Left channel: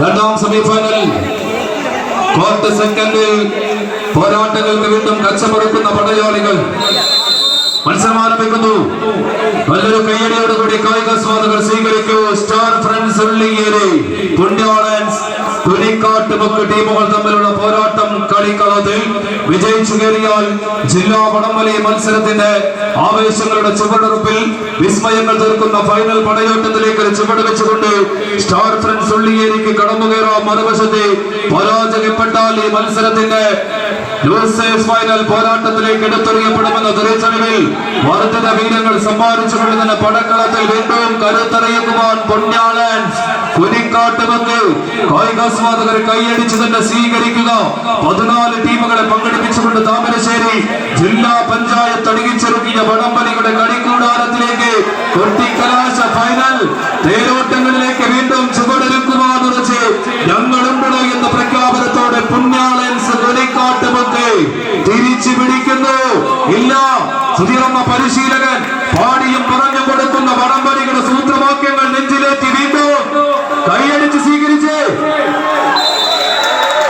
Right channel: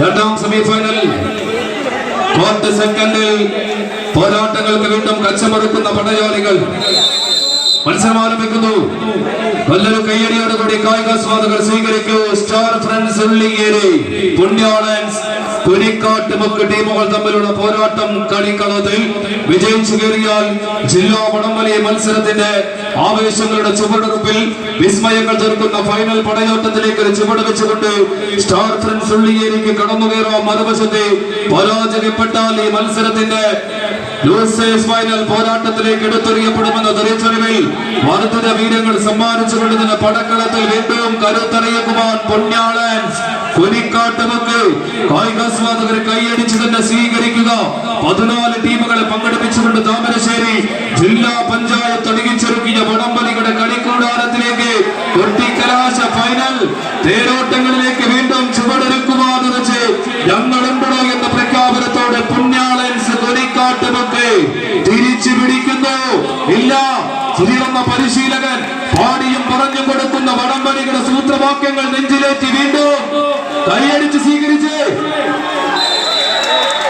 രണ്ടാം semifinal quarter സെക്കൻഡിൽ പോരാട്ടങ്ങൾക്ക് വീണ്ടും കച്ചമറുക്കുന്ന പടയാളികൾ മത്സരം ആരംഭിക്കുന്നു. നല്ലൊരു കയ്യടിയോടുകൂടി കായികാസ്വാദകർ സ്വീകരിക്കൂ. സ്റ്റാർ ഫ്രണ്ട്സ് ഉള്ളിയേരി പുണ്യാളൻസ് കുനിക്കാട്ടുമുക്ക് ടീമുകൾ തമ്മിലുള്ള പോരാട്ടം കളിക്കളത്തിൽ വിജയിച്ചു കയറിയാൽ ജില്ലാ വടംവലി മത്സരത്തിന്റെ ആവേശങ്ങളുടെ ചുവടുറപ്പിൽ വിസ്മയങ്ങൾ തീർക്കുന്ന ഫൈനൽ പടയോട്ടത്തിലേക്ക് ഒരു ചുവട് വെച്ചുകൊണ്ട് സ്റ്റാർ ഫ്രണ്ട്സ് ഉള്ളിയേരിക്ക് കടന്നു കയറാം. മറുവശത്തെ പരാജയപ്പെട്ടാൽ ഈ മത്സരത്തിന്റെ ലൂസേഴ്സ് ഫൈനൽ പോരാട്ടത്തിലേക്ക് എടുത്തെറിയപ്പെടുമെന്ന തിരിച്ചറിവിൽ വർദ്ധിത വീര്യങ്ങൾ സമ്മാനിച്ചുകൊണ്ട് തന്നെ പടക്കളത്തിൽ വീണ്ടും കരുത്തറിയിക്കുവാൻ പൊന്യാളൻസ് കുനിക്കാട്ടുമുക്ക് കായികാസ്വാദകർ കൈയടിച്ചു തന്നെ സ്വീകരിക്കുക. 14 ടീമുകളെ പങ്കെടുപ്പിച്ചുകൊണ്ട് താമരശ്ശേരി ജില്ലാ പഞ്ചായത്ത് അണിയിച്ചൊരുക്കിയ വടംവലികളുടെ കളിക്കൂടാരത്തിലേക്ക് കൊട്ടിക്കലാശ ഫൈനൽ തേരോട്ടങ്ങളിലേക്ക് വീണ്ടും ചുവടൊരുക്കുവാനുറച്ച് ഞങ്ങളുണ്ടോ എന്ന പ്രഖ്യാപനത്തോടെ പുണ്യാളൻസ് കുനിക്കാട്ടുമുക്ക് തിരിച്ചു പിടിക്കുന്നു. ഇല്ല, സുധീർന്ന പരിശീലകൻ പാടിയും പറഞ്ഞു കൊടുക്കുന്ന വടംവലികളുടെ സൂത്രവാക്യങ്ങൾ നെഞ്ചിലേറ്റി വീണ്ടും കൈയടിച്ച് സ്വീകരിച്ച്